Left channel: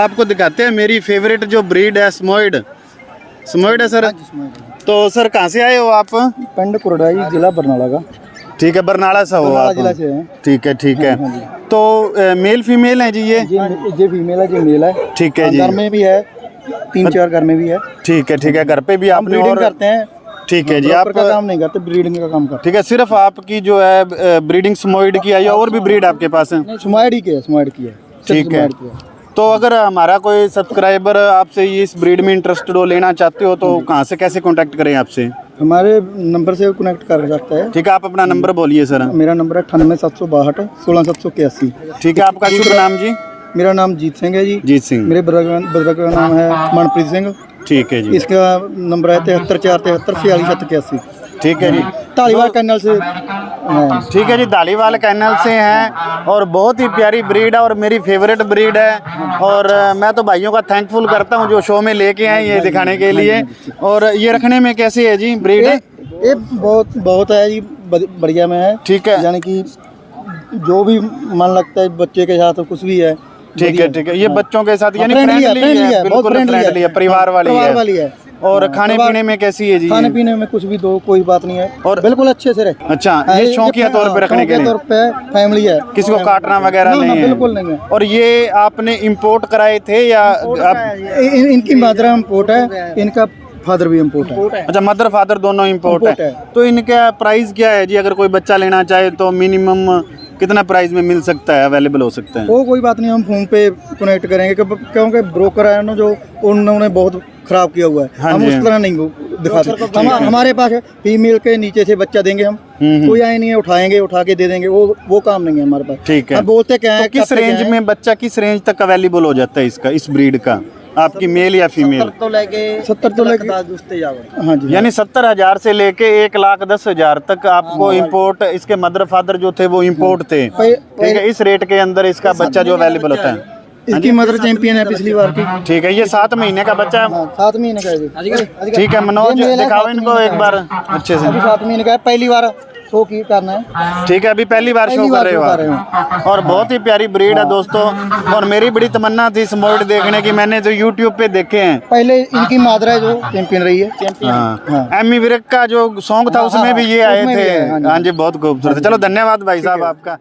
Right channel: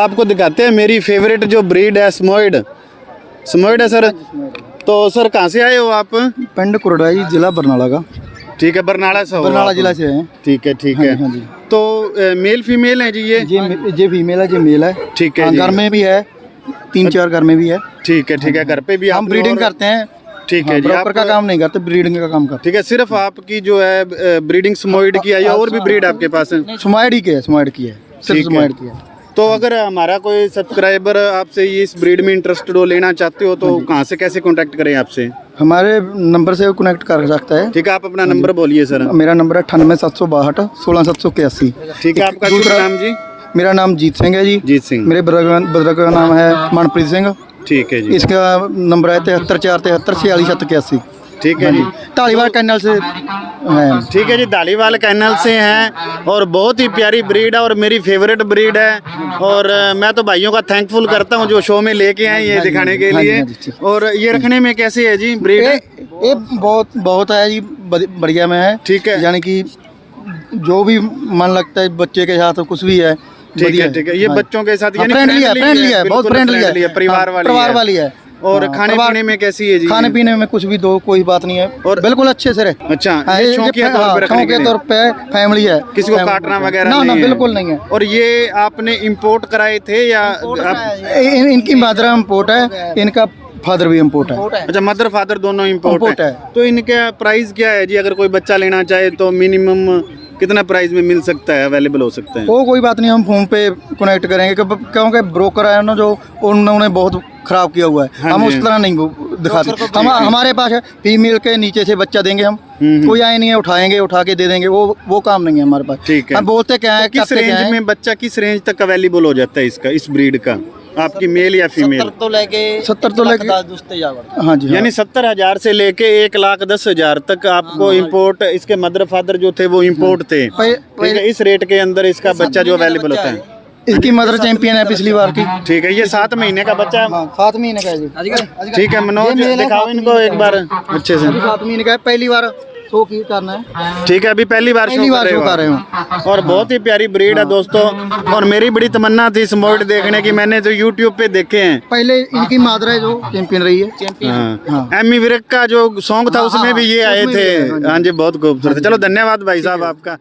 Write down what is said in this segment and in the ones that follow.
आपको दिखाते हैं मेरी फेवरेट जो ब्रीड है स्मोइड। स्मोइड है सर। तो सर कहाँ से आए हो आप? पिंड कुरड़ा जी, जिला बरनाला का। ठीक है, बरनाला से हो बरनाला आप? जिला से हैं। ठीक है ठीक है। हाँ जी। तो मेल फीमेल है जी ये फीमेल है, ये मेल है। ठीक है जी। घर में भी है, 3-4 घर में भी है। ठीक है ठीक है। घर पे भी आप ब्रीडिंग करते हैं। ठीक है जी। आप का काम नहीं करते, ब्रीडिंग का काम करते ठीक है, सिर्फ आपकी जो है ब्रीडिंग स्मोइड की है या और भी ब्रीड आपके पास है? हैं। स्माइड की है, स्माइड की है। ठीक है। तो अगर हमारा कोई सब्सक्राइबर आपसे ये इस ब्रीड में इंटरेस्टेड हो, लेना चाहते हो, तो कहाँ से कैसे कांटेक्ट करें आपसे? हमारे नंबर से कनेक्ट कर सकता है। ठीक है, आप अपना नंबर बोलिए सर। मेरा नंबर है 98 762 16 781। ठीक है, आपका शुभ नाम जी? मेरा नाम जीत सिंह है जी। जीत सिंह। मेरे ब्रदर का नाम है मनप्रीत सिंह। ठीक है जी। इसका नंबर है 73 473 46 781। ठीक है जी। धालीवाल कैनल से हैं। ठीक है जी, धालीवाल कैनल से हैं और बहुत ही प्यारी ब्रीड है और मेरी फेवरेट ब्रीड है। और मैं तो भाइयों का थैंकफुल करता हूँ जो शो में लेके आए ये दिखाने के लिए। और ये रखने में कैसे है जी ब्रीड? ये बहुत है जी, बढ़िया में है। ठीक है, यानी कि जो भी मन लगता है बच्चे के साथ कुछ भी है। ठीक है ठीक है। ये बच्चों के साथ यानी फ्रेंडली है, बिल्कुल फ्रेंडली है, परिवार वाली है। और खाने पीने में कैसी है जी? खाने पीने में कुछ भी दो, कोई बात नहीं है और बिल्कुल अच्छे से रहे। अच्छा, ये शौकिया तौर पे रखने के लिए तौर पे फैमिली है, किसी को काटना वगैरह नहीं है? बिल्कुल नहीं है। और ये आपने इंपोर्ट कराए थे या इनकी मदर इम्पोर्ट है, इनका फादर भी इम्पोर्ट है। अच्छा, मदर फादर दोनों इम्पोर्ट है। तो इनका प्राइस क्या है जी? अगर कोई बच्चा लेना चाहे तो मिनिमम कितना प्राइस में मिल सकता है, अवेलेबल हो सकता है? वो कोई बात नहीं, हम फोन पे कनेक्ट करेंगे क्योंकि ब्रोकर है ना जो, उन्होंने बहुत खराब किया हुआ है। हम उस तरह नहीं दिखाते। हमारे पास है फीमेल के नीचे से बच्चा देंगे हम, कोई आए नहीं है, उठाएंगे, उठा के दे देंगे, वो काम नहीं है हमारे पास। ठीक है। हम बोलते क्या है, किस रेंज में बच्चा, किस रेंज तक अवेलेबल हो जाता है इसका, इस ब्रीड का, आपकी मेल या फीमेल? 70 तो लेके हाँ जी, यानी 70,000 से लेके 1,10,000 तक आपको इंपोर्ट, इसके मदर फादर जो थे वो इंपोर्ट थे। ठीक है, इस रेट के अंदर इसका बच्चा जो अवेलेबल होता है। इसकी मदर चैंपियन है पिछली बार की। ठीक है, ये 7 महीने का बच्चा। 7 महीने का है। ठीक है, मनोज दिखाओ इनको एक बार अच्छे से। 7 महीने का है, पहली बार शो की करना है। ठीक है, अभी पहली बार शो कर रहे हो और बहुत ही प्यारी ब्रीड है दोस्तों। और मेरी बड़ी तमन्ना थी स्मोइड देखने की, मैंने जो यूट्यूब पे देखे हैं। पहले इनकी मादर है जो चैंपियन रही है। हाँ, एमी विर्क का जो सॉन्ग था उसमें भी ये आए थे। हाँ जी, बहुत खूबसूरत। चलो धन्यवाद भाई साहब आपका।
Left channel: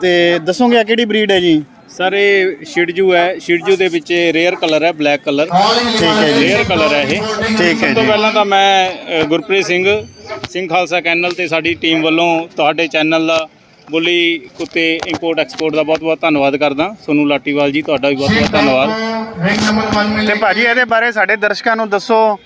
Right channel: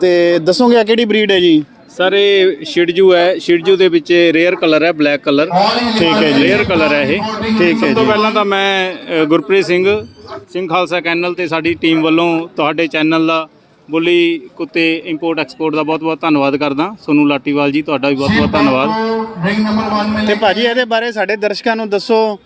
ਤੇ ਦੱਸੋਗੇ ਆ ਕਿਹੜੀ ਬਰੀਡ ਹੈ ਜੀ? ਸਰ ਇਹ ਸ਼ਿਡਜੂ ਹੈ। ਸ਼ਿਡਜੂ ਦੇ ਵਿੱਚ ਰੇਅਰ ਕਲਰ ਹੈ, ਬਲੈਕ ਕਲਰ। ਠੀਕ ਹੈ ਜੀ, ਰੇਅਰ ਕਲਰ ਹੈ ਇਹ। ਠੀਕ ਹੈ ਸਭ ਤੋਂ ਜੀ। ਪਹਿਲਾਂ ਤਾਂ ਮੈਂ ਗੁਰਪ੍ਰੀਤ ਸਿੰਘ ਖਾਲਸਾ ਕੈਨਲ ਤੇ ਸਾਡੀ ਟੀਮ ਵੱਲੋਂ ਤੁਹਾਡੇ ਚੈਨਲ ਦਾ ਬੁੱਲੀ ਕੁੱਤੇ ਇੰਪੋਰਟ ਐਕਸਪੋਰਟ ਦਾ ਬਹੁਤ-ਬਹੁਤ ਧੰਨਵਾਦ ਕਰਦਾ। ਸੋਨੂੰ ਲਾਟੀਵਾਲ ਜੀ, ਤੁਹਾਡਾ ਵੀ ਬਹੁਤ-ਬਹੁਤ ਧੰਨਵਾਦ। ਤੇ ਭਾਜੀ ਇਹਦੇ ਬਾਰੇ ਸਾਡੇ ਦਰਸ਼ਕਾਂ ਨੂੰ ਦੱਸੋ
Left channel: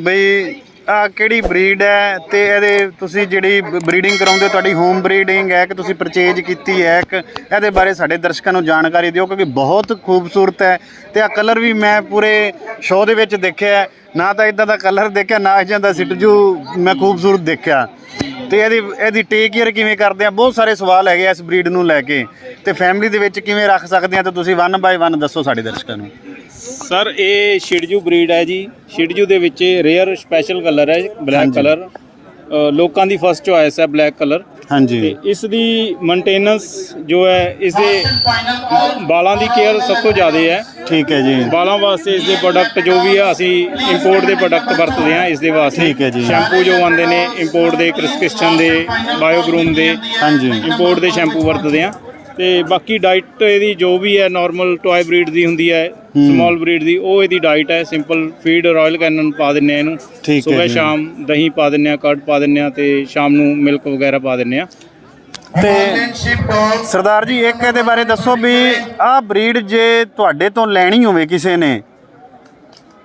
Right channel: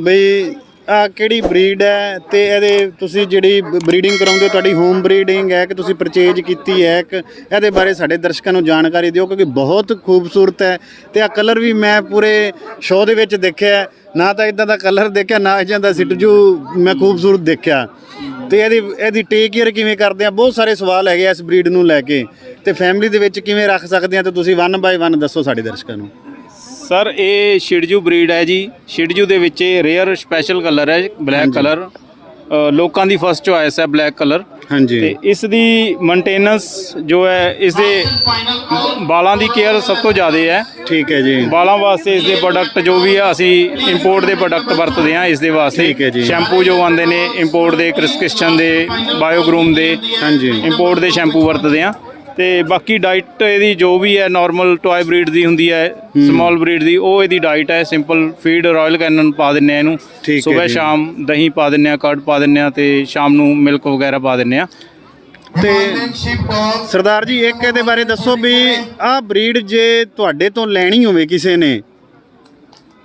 ਬਈ ਆ ਕਿਹੜੀ ਬਰੀਡ ਹੈ ਤੇ ਇਹਦੇ ਤੁਸੀਂ ਜਿਹੜੀ ਬਰੀਡਿੰਗ ਕਰਾਉਂਦੇ ਤੁਹਾਡੀ ਹੋਮ ਬਰੀਡਿੰਗ ਹੈ ਕਿ ਤੁਸੀਂ ਪਰਚੇਜ ਕੀਤੀ ਹੈ, ਕਿ ਇਹਦੇ ਬਾਰੇ ਸਾਡੇ ਦਰਸ਼ਕਾਂ ਨੂੰ ਜਾਣਕਾਰੀ ਦਿਓ ਕਿਉਂਕਿ ਬਹੁਤ ਖੂਬਸੂਰਤ ਹੈ। ਤੇ ਆ ਕਲਰ ਵੀ ਮੈਂ ਪੂਰੇ ਸ਼ੋਅ ਦੇ ਵਿੱਚ ਦੇਖਿਆ, ਨਾ ਤਾਂ ਇਦਾਂ ਦਾ ਕਲਰ ਦੇਖਿਆ, ਨਾ ਇਦਾਂ ਦਾ ਸਿਟਜੂ ਮੈਂ ਖੂਬਸੂਰਤ ਦੇਖਿਆ। ਤੇ ਇਹਦੀ ਟੇਕ ਕੇਅਰ ਕਿਵੇਂ ਕਰਦੇ ਆ? ਬਹੁਤ ਸਾਰੇ ਸਵਾਲ ਹੈਗੇ ਇਸ ਬਰੀਡ ਨੂੰ ਲੈ ਕੇ, ਤੇ ਫੈਮਿਲੀ ਦੇ ਵਿੱਚ ਕਿਵੇਂ ਰੱਖ ਸਕਦੇ ਆ, ਤੇ ਤੁਸੀਂ 1 ਬਾਏ 1 ਦੱਸੋ ਸਾਡੇ ਦਰਸ਼ਕਾਂ ਨੂੰ। ਸਰ ਇਹ ਸ਼ਿਡਜੂ ਬਰੀਡ ਹੈ ਜੀ। ਸ਼ਿਡਜੂ ਦੇ ਵਿੱਚ ਰੇਅਰ ਸਪੈਸ਼ਲ ਕਲਰ ਹੈ, ਬਲੈਕ ਕਲਰ। ਲੋਕਾਂ ਦੀ ਫਸਟ ਚੋਇਸ ਹੈ ਬਲੈਕ ਕਲਰ। ਹਾਂਜੀ। ਤੇ ਇਸ ਦੀ ਮੇਨਟੇਨੈਂਸ ਜੋ ਹੈ, ਇਸ ਦੇ ਬਾਲਾਂ ਦੀ ਕੇਅਰ ਸਭ ਤੋਂ ਜ਼ਿਆਦਾ ਹੈ। ਠੀਕ ਹੈ ਜੀ। ਬਾਲਾਂ ਵਾਸਤੇ ਇਸ ਦੇ ਪ੍ਰੋਡਕਟ ਜੋ ਵੀ ਆ, ਅਸੀਂ ਇੰਪੋਰਟ ਦੇ ਪ੍ਰੋਡਕਟ ਵਰਤਦੇ ਹਾਂ ਇਸ ਦੇ ਵਾਸਤੇ। ਠੀਕ ਹੈ ਜੀ। ਸ਼ੈਂਪੂ ਜੋ ਆਉਂਦੇ ਨੇ ਇੰਪੋਰਟ ਦੇ, ਕ੍ਰਿਸਕਿਸ਼ਨ ਦੇ, ਬਾਇਓਗਰੂਮ ਦੇ, ਹਾਂਜੀ, ਇੰਪੋਰਟ ਦੇ ਸ਼ੈਂਪੂ ਵਰਤਦੇ ਹਾਂ। ਤੇ ਬਾਕੀ ਡਾਈਟ ਇਹਦੀ ਜੋ ਵੀ ਹੈ ਨਾਰਮਲ ਟੋਏ ਬਰੀਡ ਦੀ ਹੁੰਦੀ ਹੈ, ਸਮਾਲ ਬਰੀਡ ਦੀ, ਉਹ ਇਹਦੀ ਡਾਈਟ ਹੈ। ਸਿੰਪਲ ਫੀਡ ਰਾਇਲ ਕੈਨਨ ਪਾ ਦਿੰਨੇ ਆ ਇਹਨੂੰ, ਸਵੇਰ ਸ਼ਾਮ ਦਹੀਂ ਪਾ ਦਿੰਨੇ ਆ, ਕਰਡ ਪਾ ਦਿੰਨੇ ਆ, ਤੇ ਸ਼ਾਮ ਨੂੰ ਮਿਲਕ ਵਗੈਰਾ ਪਾ ਦਿੰਨੇ ਆ। ਤੇ ਸਰਦਾਰ ਜੀ ਇੱਕ ਇਹਦੇ ਬਾਰੇ ਦੱਸੋ ਵੀ ਆਹ ਬਰੀਡ ਜੇ ਤੁਹਾਡੇ ਤੋਂ ਲੈਣੀ ਹੋਵੇ ਕਿਸੇ ਨੇ,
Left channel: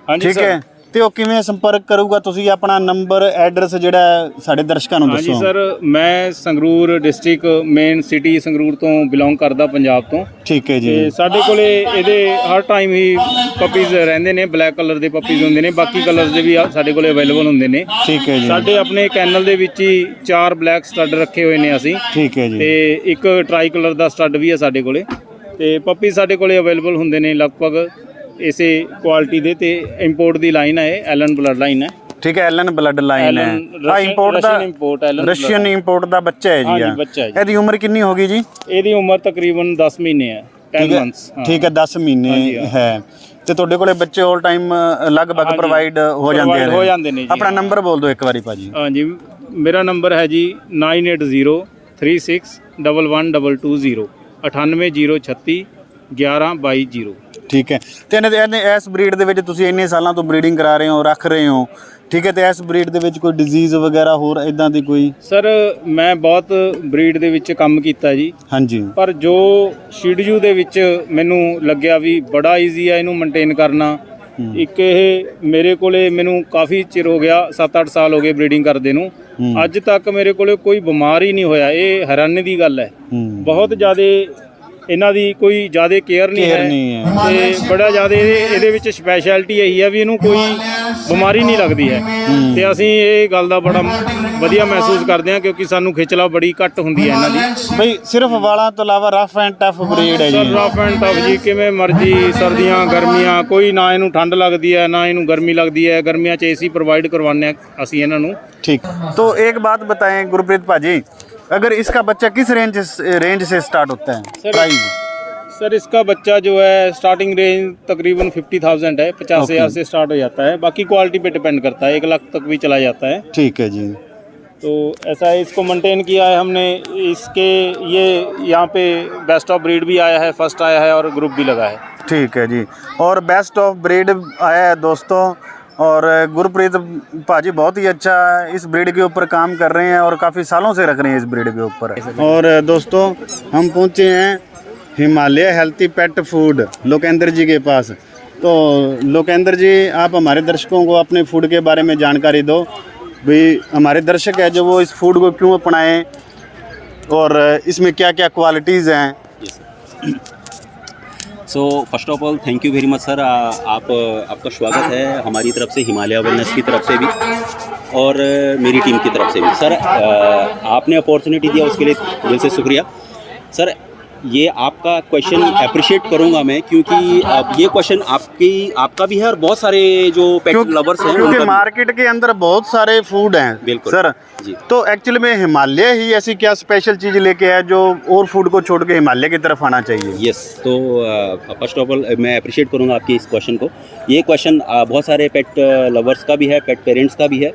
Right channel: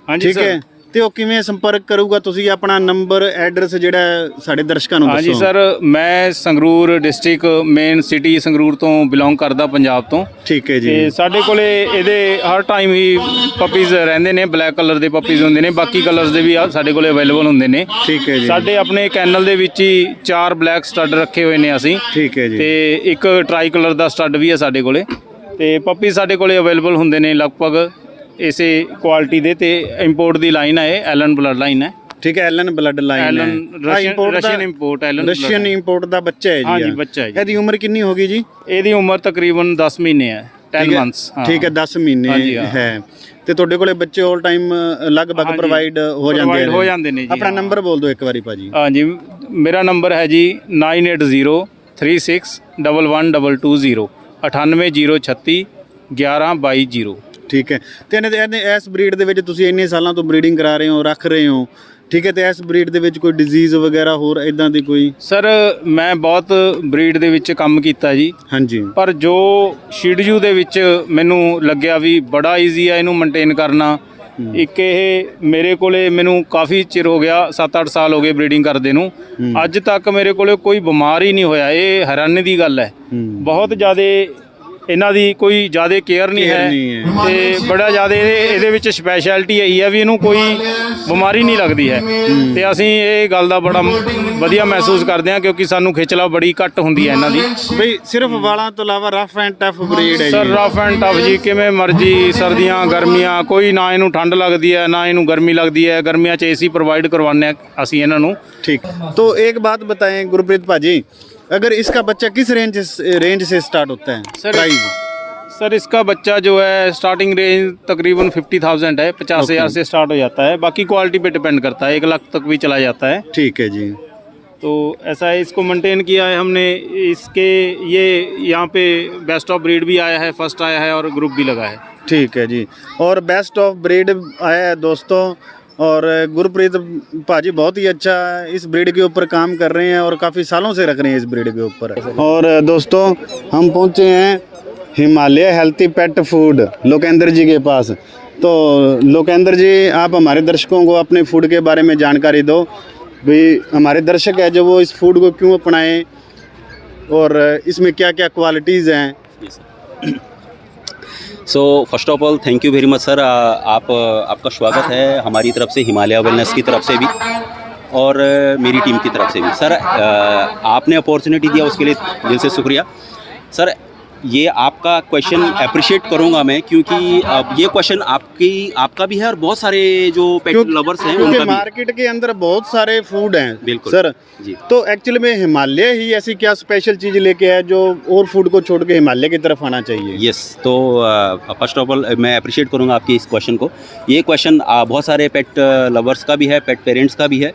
ਹਾਂਜੀ ਠੀਕ ਹੈ, ਤੇ ਉਹ ਕਿਵੇਂ ਸੰਪਰਕ ਕਰੂਗਾ? ਤੁਸੀਂ ਆਪਣਾ ਨੰਬਰ, ਐਡਰੈਸ ਜਿਹੜਾ ਸਾਡੇ ਦਰਸ਼ਕਾਂ ਨੂੰ ਦੱਸੋ। ਹਾਂਜੀ ਸਰ, ਮੈਂ Sangrur district main city Sangrur ਤੋਂ ਬਿਲੋਂਗ ਕਰਦਾ, ਪੰਜਾਬ ਤੋਂ। ਠੀਕ ਹੈ ਜੀ। ਤੇ ਸਾਡੇ ਕੋਲੇ ਇਹਦੇ ਹਰ ਟਾਈਮ ਹੀ ਪਪੀਜ਼ ਰਹਿੰਦੇ ਨੇ, ਬਲੈਕ ਕਲਰ ਦੇ ਪਪੀਜ਼ ਹੁੰਦੇ ਨੇ, ਬਾਕੀ ਕਲਰਸ ਦੇ ਵੀ ਸਾਡੇ ਕੋਲੇ ਅਵੇਲੇਬਲ ਹੁੰਦੇ ਨੇ। ਠੀਕ ਹੈ ਜੀ। ਸਾਡੇ ਆਪਣੇ ਕੈਨਲ ਦੇ ਵਿੱਚ ਹੀ 4 ਬਲੈਕ ਸਟੱਡ ਰੱਖੇ ਹੋਏ ਨੇ ਅਸੀਂ। ਠੀਕ ਹੈ ਜੀ। ਤੇ ਇੱਕ ਟਰਾਈ ਕਲਰ ਦਾ ਸਟੱਡ ਵੀ ਹੈ ਸਾਡੇ ਕੋਲੇ। ਤੇ ਪੱਪੀ ਸਾਡੇ ਕੋਲੇ ਅਵੇਲੇਬਲ ਹੁੰਦੇ ਨੇ ਲਗਭਗ ਇਸੇ ਕੁਆਲਿਟੀ ਦੇ, ਤੇ ਇੰਪੋਰਟ ਦੀ ਲਾਈਨ ਹੈ ਇਹ, ਐਲਨ ਬਲੱਡ ਲਾਈਨ ਹੈ। ਠੀਕ ਹੈ, ਐਲਨ ਬਲੱਡ ਲਾਈਨ ਹੈ। ਆ ਇੰਪੋਰਟ ਦਾ, ਰਸ਼ੀਅਨ ਇੰਪੋਰਟ, ਐਲਨ ਰਸ਼ੀਅਨ ਇੰਪੋਰਟ ਦਾ ਬੱਚਾ ਹੈ ਜੀ। ਹਾਂਜੀ, ਬੱਚਾ ਹੈ ਜੀ। ਇਹਦੀ ਉਮਰ ਕਿੰਨੀ ਹੋਗੀ ਜੀ? ਇਹਦੀ ਉਮਰ ਤਕਰੀਬਨ 10 ਮਹੀਨੇ ਹੈ, 10 ਮੰਥਸ। ਠੀਕ ਹੈ, 10 ਮਹੀਨੇ ਹੈ। ਤੇ ਤੁਹਾਡੇ ਕੋਲੇ ਬੱਚੇ 올 ਟਾਈਮ ਲਗਭਗ ਪ੍ਰੋਵਾਈਡ ਹੋ ਜਾਂਦੇ ਨੇ ਜੀ। ਆਪਣਾ ਨੰਬਰ ਬੋਲ ਦਿਓ ਇੱਕ ਵਾਰੀ ਭਾਜੀ। ਹਾਂਜੀ, ਮੇਰਾ ਨੰਬਰ ਹੈ ਜੀ 9803611220, 98036 1122। ਠੀਕ ਹੈ। ਤੇ ਇਹਨੇ ਇਸ ਬਰੀਡ ਦੇ ਵਿੱਚ ਤੁਸੀਂ ਇੰਨੇ ਸਾਲਾਂ ਤੋਂ ਬਰੀਡਿੰਗ ਕਰਾ ਰਹੇ ਹੋ, ਰੱਖ ਰਹੇ ਹੋ, ਠੀਕ ਹੈ, ਤੇ ਇਸ ਬਰੀਡ ਦੇ ਵਿੱਚ ਕੋਈ ਡਿਜ਼ੀਜ਼ ਵਗੈਰਾ ਹੋਰ ਇਦਾਂ ਦੀ ਕੋਈ? ਸਰ ਮੈਂ ਬਹੁਤ ਬਰੀਡ ਦੇ ਵਿੱਚ ਕੰਮ ਕੀਤਾ ਜੀ। ਹਾਂਜੀ। ਪਰ ਜੋ ਸ਼ਿਡਜੂ ਦੇ ਵਿੱਚ ਮੈਨੂੰ ਲੱਗਿਆ ਵੀ ਬੜਾ ਈਜ਼ੀ ਹੈ ਇਹਨੂੰ ਮੇਨਟੇਨ ਕਰਨਾ। ਇੱਕ ਇਹ ਮੇਰੇ ਕੋਲੇ ਮੈਨੂੰ ਕਾਫੀ ਚਿਰ ਹੋ ਗਿਆ, 7-8 ਸਾਲ ਹੋ ਗਏ ਬਰੀਡਿੰਗ ਕਰਦੇ ਨੂੰ, ਅੱਜ ਤੱਕ ਮੇਰੇ ਕੋਲੇ ਕੋਈ ਬਿਮਾਰ ਹੀ ਨਹੀਂ ਹੋਇਆ। ਇਹ ਹੈਰਾਨੀ ਦੀ ਗੱਲ ਹੈ। ਬਹੁਤ ਜ਼ਿਆਦਾ ਇਹਨਾਂ ਦੀ ਕੋਈ ਜ਼ਿਆਦਾ ਕੇਅਰ ਨਹੀਂ ਹੈ ਤੇ ਬੜਾ ਜ਼ਿਆਦਾ ਇਹਦੇ ਵਿੱਚ ਸਪੈਸ਼ਲਿਟੀ ਇਹੀ ਹੈ ਵੀ ਇਹਨੂੰ ਕੋਈ ਬਿਮਾਰੀ ਨਹੀਂ ਲੱਗਦੀ ਹੈ। ਤੇ ਅਸੀਂ ਇਹ ਗੱਲ ਦਾ ਬੜਾ ਵਧੀਆ ਮਹਿਸੂਸ ਕਰਦੇ ਹਾਂ ਕਿਉਂਕਿ ਸਾਨੂੰ ਖਿਚਲਾ ਬੜੀ ਘੱਟ ਹੁੰਦੀ ਹੈ ਇਹਨਾਂ ਦੀ। ਬਈ ਸਿਰਫ ਵਾਲਾਂ ਤੋਂ ਇਲਾਵਾ ਰਫ ਐਂਡ ਟਫ ਬਰੀਡ ਹੈ ਜੀ। ਰਫ ਐਂਡ ਟਫ ਜੀ, ਕਿਵੇਂ ਮਰਜੀ, ਸਰਦੀਆਂ ਗਰਮੀਆਂ, ਕੋਈ ਨਾ ਇਹਨੂੰ ਠੰਡ ਲੱਗਦੀ ਹੈ ਨਾ ਇਹਨੂੰ ਗਰਮੀ ਲੱਗਦੀ ਹੈ। ਗਰਮੀਆਂ 'ਚ ਏਸੀ ਪ੍ਰੋਵਾइड करवाने हैं ਅਸੀਂ ਇਹਨਾਂ ਨੂੰ। ठीक, तो एक बात बताएं गुरप्रीत भाजी, अगर इसका बच्चा किस रेंज से स्टार्ट होता है प्राइस? सर इसका बच्चा जो है स्टार्टिंग रेंज तकरीबन 50,000 है, 50,000 से स्टार्ट हो जाता है। बाकी क्वालिटी पे डिपेंड करता है, 1 लाख तक भी चला जाता है। ठीक है जी। तो ऐसा है, इसको मेंटेन किया है हमने। इसके ये यहाँ पे बेस्ट ऑफ ब्रीड भी आया है, फर्स्ट आया है और ग्रुप भी लगा है। ठीक है जी। और बेस्ट ऑफ ब्रीड आया है दोस्तों, और गुरप्रीत भाजी बहुत ही अच्छा इस ब्रीड के ऊपर काम कर रहे हैं और काफ़ी सालों से रख रहे हैं इस ब्रीड के ऊपर। और दोस्तों हम पहुँचे हैं Himalaya healthy pet food Lokendra ji के पास। तो लोकेंद्र जी, आप हमारे दर्शकों को अपने फूड के बारे में जानकारी दो। भाई हमारे दर्शक है जो वो इस फूड को क्यों अपनाएं और इसमें क्या क्या क्वालिटीज़ हैं। So first of all thank you very much sir. आपका स्वागत है हमारी तरफ से, हिमालय वेलनेस की तरफ से भी और मेरी टीम की तरफ से भी। सर आपने अपॉर्चुनिटी दिया उसके लिए दिल से शुक्रिया सर। ये आपका क्वेश्चन अप्रिशिएट करूंगा मैं, क्योंकि ये क्वेश्चन आपका भी है और बहुत सारे जो पेट लवर्स हैं क्योंकि मार्केट के अंदर बहुत सारे फूड हैं। बिल्कुल सर जी। तो एक्चुअली में हिमालय ही ऐसी क्या स्पेशल चीज़ लेके आया जो और फूड को छोड़ के हिमालय की तरफ आना चाहिए? यस, तो फर्स्ट ऑफ ऑल मैं अप्रिशिएट करूंगा आपके इस क्वेश्चन को। ये क्वेश्चन बहुत सारे पेट लवर्स का भी है, पेट पेरेंट्स का भी है।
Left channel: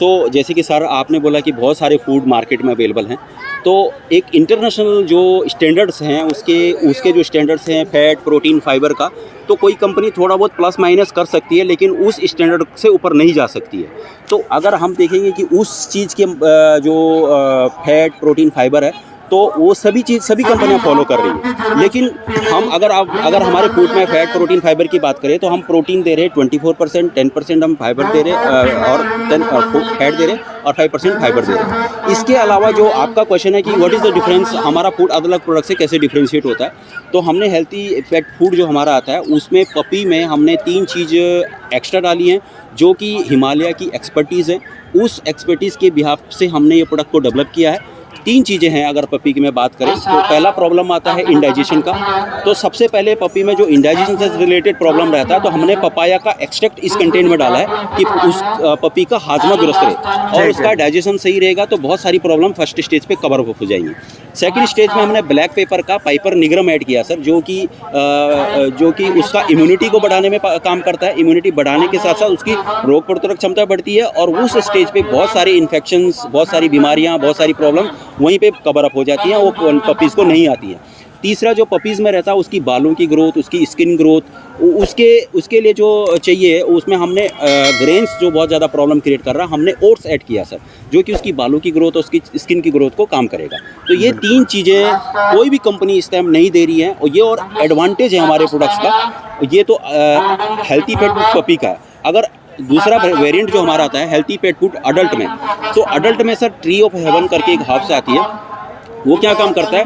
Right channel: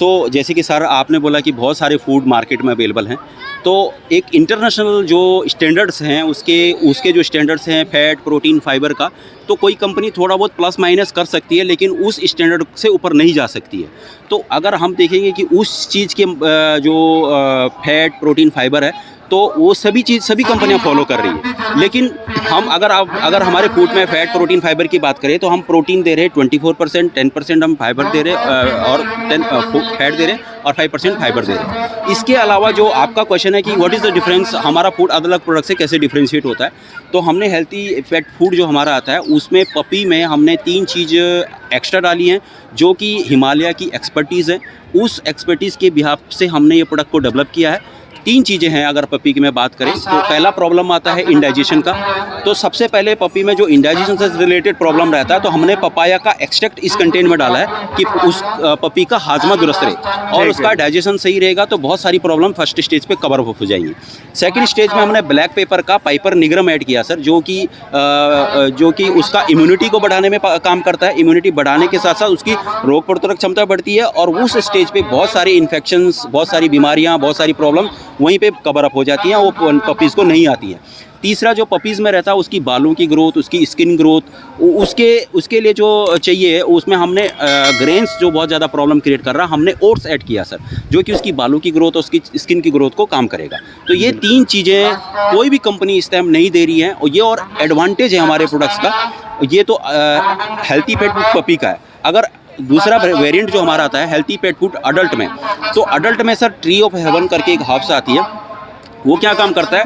तो जैसे कि सर आपने बोला कि बहुत सारे फूड मार्केट में अवेलेबल हैं, तो एक इंटरनेशनल जो स्टैंडर्ड्स हैं उसके जो स्टैंडर्ड्स हैं फैट, प्रोटीन, फाइबर का, तो कोई कंपनी थोड़ा बहुत प्लस माइनस कर सकती है लेकिन उस स्टैंडर्ड से ऊपर नहीं जा सकती है। तो अगर हम देखेंगे कि उस चीज़ के जो फैट, प्रोटीन, फाइबर है, तो वो सभी कंपनियां फॉलो कर रही हैं। लेकिन हम अगर हमारे फूड में फैट, प्रोटीन, फाइबर की बात करें तो हम प्रोटीन दे रहे हैं 24%, 10% हम फाइबर दे रहे हैं और 10 फैट दे रहे हैं और 5% फाइबर दे रहे हैं। इसके अलावा जो आपका क्वेश्चन है कि व्हाट इज़ द डिफरेंस, हमारा फूड अलग अलग प्रोडक्ट से कैसे डिफ्रेंशिएट होता है, तो हमने हेल्थी पेट फूड जो हमारा आता है उसमें पपी में हमने 3 चीज़ एक्स्ट्रा डाली हैं जो कि हिमालय की एक्सपर्टीज़ है। उस एक्सपर्टीज़ के बिहाफ से हमने ये प्रोडक्ट को डेवलप किया है। 3 चीज़ें हैं अगर पपी की मैं बात करें तो पहला प्रॉब्लम आता है इंडाइजेशन का। तो सबसे पहले पपी में जो इंडाइजेशन से रिलेटेड प्रॉब्लम रहता है तो हमने पपाया का एक्सट्रैक्ट इस कंटेंट में डाला है कि उस पपी का हाजमा दुरुस्त रहे और उसका डाइजेशन सही रहेगा तो बहुत सारी प्रॉब्लम फर्स्ट स्टेज पे कवर अप हो जाएंगी। सेकंड स्टेज में हमने ब्लैक पेपर का पाइपर निग्रम ऐड किया सर, जो कि उसका इम्यूनिटी को बढ़ाने में काम करता है। इम्यूनिटी बढ़ाने के साथ साथ उसकी रोग प्रतिरोधक क्षमता बढ़ती है और उस स्टेज पे बहुत सारे इन्फेक्शंस, बहुत सारी बीमारियां, बहुत सारी प्रॉब्लम वहीं पे कवर अप हो जाती हैं, वो पपीज़ को नहीं आती है। तीसरा जो पपीज़ में रहता है उसकी बालों की ग्रोथ, उसकी स्किन ग्रोथ, उसके लिए जो चाहिए उसमें हमने ग्रेन्स जो बहुत ज़्यादा प्रॉब्लम क्रिएट कर रहा है, हमने ओट्स ऐड किया सर, जो कि उसकी बालों की ग्रोथ और उसकी स्किन की ग्रोथ को काम करेगा। तो ये 3 चीज़ें कोई भी कंपनी इस टाइम नहीं दे रही है और ये और एडवांटेज है हमारे प्रोडक्ट्स का। ये तो हेल्थी पेट पपी का है। अगर दूसरा वेरिएंट जो हमारा आता है हेल्थी पेट फूड अडल्ट में, तो अडल्ट में सर ट्री ऑफ हेवन करके एक हर्ब्स आती है, वो क्या काम करता है,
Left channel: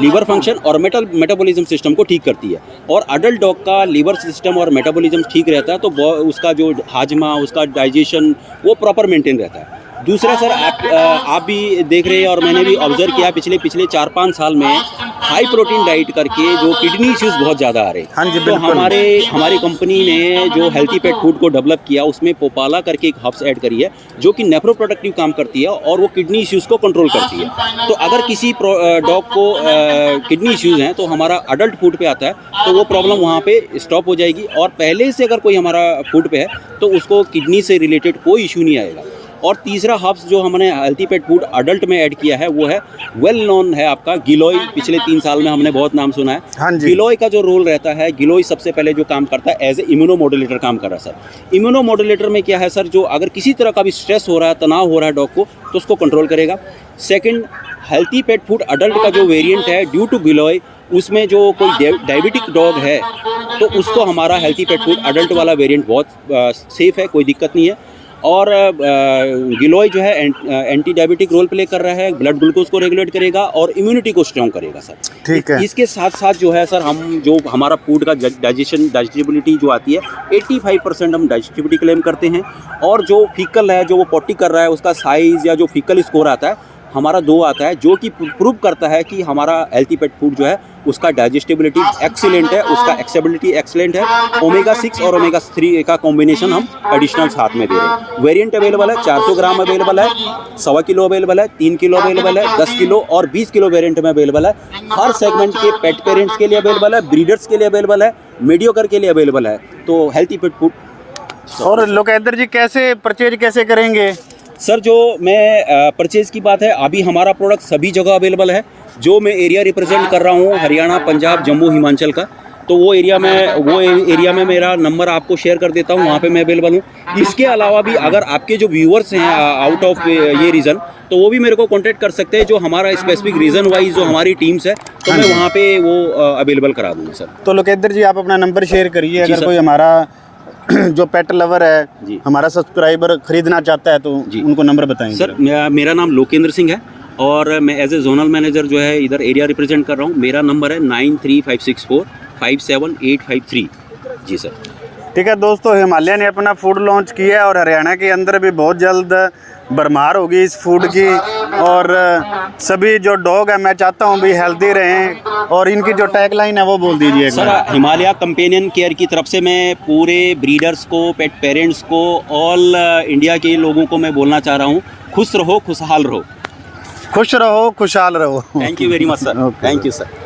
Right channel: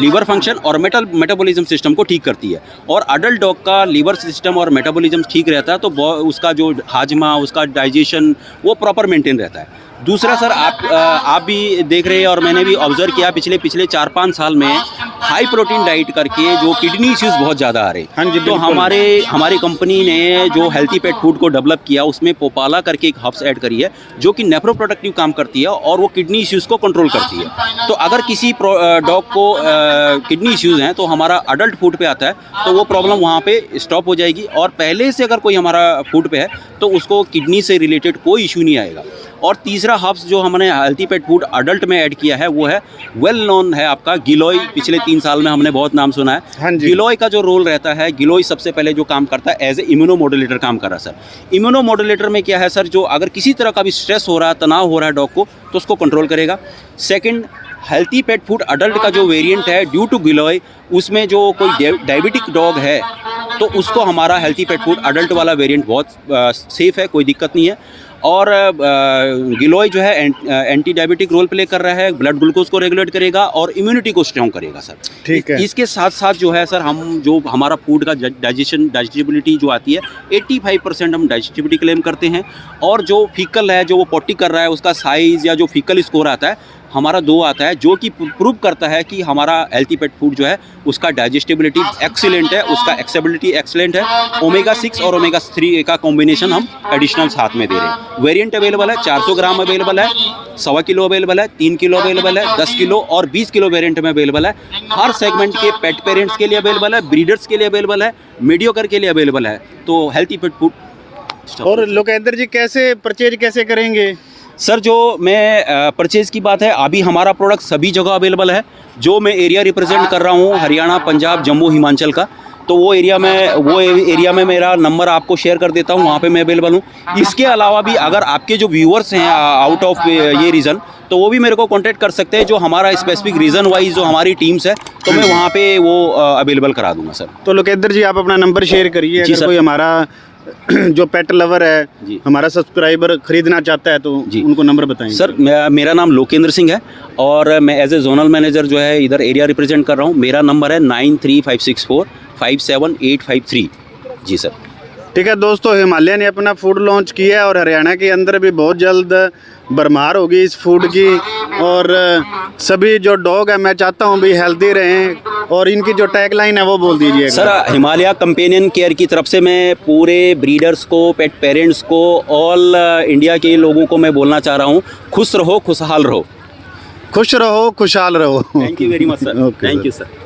लीवर फंक्शन और मेटाबॉलिज्म सिस्टम को ठीक करती है। और अडल्ट डॉग का लीवर सिस्टम और मेटाबॉलिज्म ठीक रहता है तो उसका जो हाजमा, उसका डाइजेशन वो प्रॉपर मेंटेन रहता है। दूसरा सर, आप भी देख रहे हैं और मैंने भी ऑब्जर्व किया पिछले 4-5 साल में हाई प्रोटीन डाइट करके जो किडनी इश्यूज बहुत ज़्यादा आ रहे हैं। हाँ जी, तो बिल्कुल। हमारी कंपनी ने जो हेल्थी पेट फूड को डेवलप किया उसमें पोपाला करके एक हब्स ऐड करी है जो कि नेफ्रोप्रोटेक्टिव काम करती है और वो किडनी इश्यूज को कंट्रोल करती है। तो अगर किसी डॉग को किडनी इश्यूज हैं तो हमारा अडल्ट फूड पे आता है तो वो प्रॉब्लम वहाँ पे स्टॉप हो जाएगी, और पहले से अगर कोई हमारा फूड पे है तो उसको किडनी से रिलेटेड कोई इशू नहीं आएगा। और तीसरा हब्स जो हमने हेल्थी पेट फूड अडल्ट में ऐड किया है वो है वेल नोन है आपका गिलोय। पिछले 3 साल में हमने बहुत नाम सुना है। हाँ जी। गिलोय का जो रोल रहता है, गिलोय सबसे पहले जो काम करता है एज ए इम्यूनोमोडुलेटर काम कर रहा है सर। इम्यूनोमोडुलेटर में क्या है सर, जो अगर किसी तरह का भी स्ट्रेस हो रहा है, तनाव हो रहा है डॉग को, तो उसको कंट्रोल करेगा। Second, healthy pet food adult का जो वेरिएंट है ड्यू टू गिलोय, उसमें जो कोई डायबिटिक डॉग है तो उसको हमारा हेल्थी पेट फूड अडल्ट वाला वेरिएंट बहुत सेफ है, कोई दिक्कत नहीं है। और गिलोय जो है एंटी डायबिटिक रोल प्ले कर रहा है, ब्लड ग्लूकोज को रेगुलेट करेगा और इम्यूनिटी को स्ट्रॉन्ग करेगा सर। ठीक है। इसके साथ साथ जो है सर, हम जो हमारा फूड का डाइजेस्टिबिलिटी जो आती है 85% हम डाइजेस्टिबिलिटी क्लेम करते हैं। और जो फीकल है, जो वो पॉटी कर रहा है, उसका साइज या जो फीकल स्कोर आता है हमारा 2 आता है, जो कि प्रूव करता है कि हमारा हेल्थी पेट फूड जो है उसका डाइजेस्टिबिलिटी एक्सीलेंट है, उसका एक्सेबिलिटी एक्सीलेंट है। ओमेगा 6 और ओमेगा 3 का कॉम्बिनेशन हम एडिशनल साथ में दे रहे हैं। वेरिएंट अवेलेबल है, 400 ग्राम अवेलेबल है, 1.25 किलो अवेलेबल है, 3 किलो अवेलेबल है, 10 किलो और 20 किलो वेरिएंट में अवेलेबल है। हर सेगमेंट के पेट पेरेंट्स के लिए अवेलेबल है, ब्रीडर्स के लिए अवेलेबल है, मीडियोकर के लिए अवेलेबल है। तो हेल्थी पेट फूड। और लोकेंद्र जी कैसे परचेज कैसे करेंगे? सर, जो मैं परचेज़ की बात है, अभी हमारा प्रोडक्ट सभी जगह अवेलेबल है। जो मैं एरिया रिप्रेजेंट कर रहा हूँ हरियाणा, पंजाब, जम्मू, हिमाचल का, तो वो एरिया में मेरा नंबर आपको शेयर कर देता हूँ, वहाँ पे मैं अवेलेबल हूँ। इसके अलावा भी अगर आपके जो व्यूअर्स हैं आउट ऑफ ये रीजन, तो वो भी मेरे को कांटेक्ट कर सकते हैं। जो हमारा स्पेसिफिक रीजन वाइज जो हमारी टीम्स है, तो मैं वहाँ पे वो अवेलेबल करा दूँगा सर। तो लोकेंद्र जी आप अपना नंबर शेयर करिए, जी अगर सर। कोई हमारा जो पेट लवर है, जी। हमारा सब्सक्राइबर खरीदना चाहता है तो जी। उनको नंबर बताएंगे। सर, मेरा नाम लोकेंद्र सिंह है और मैं एज ए जोनल मैनेजर जो है इधर एरिया रिप्रेजेंट कर रहा हूँ। मेरा नंबर है 9356457853। जी सर। ठीक है दोस्तों, हिमालय ने अपना फूड लॉन्च किया है और हरियाणा के अंदर भी बहुत जल्द भरमार होगी इस फूड की। और सभी जो डॉग है, मैं चाहता हूँ भी हेल्दी रहें, और इनकी जो टैगलाइन है वो बोल दीजिए सर, हिमालय कंपेनियन केयर की तरफ से मैं पूरे ब्रीडर्स को, पेट पेरेंट्स को, ऑल इंडिया के लोगों को मैं बोलना चाह रहा हूँ, खुश रहो, खुशहाल रहो। खुश रहो, खुशहाल रहो। Thank you very much sir. Okay, thank you sir. Sir.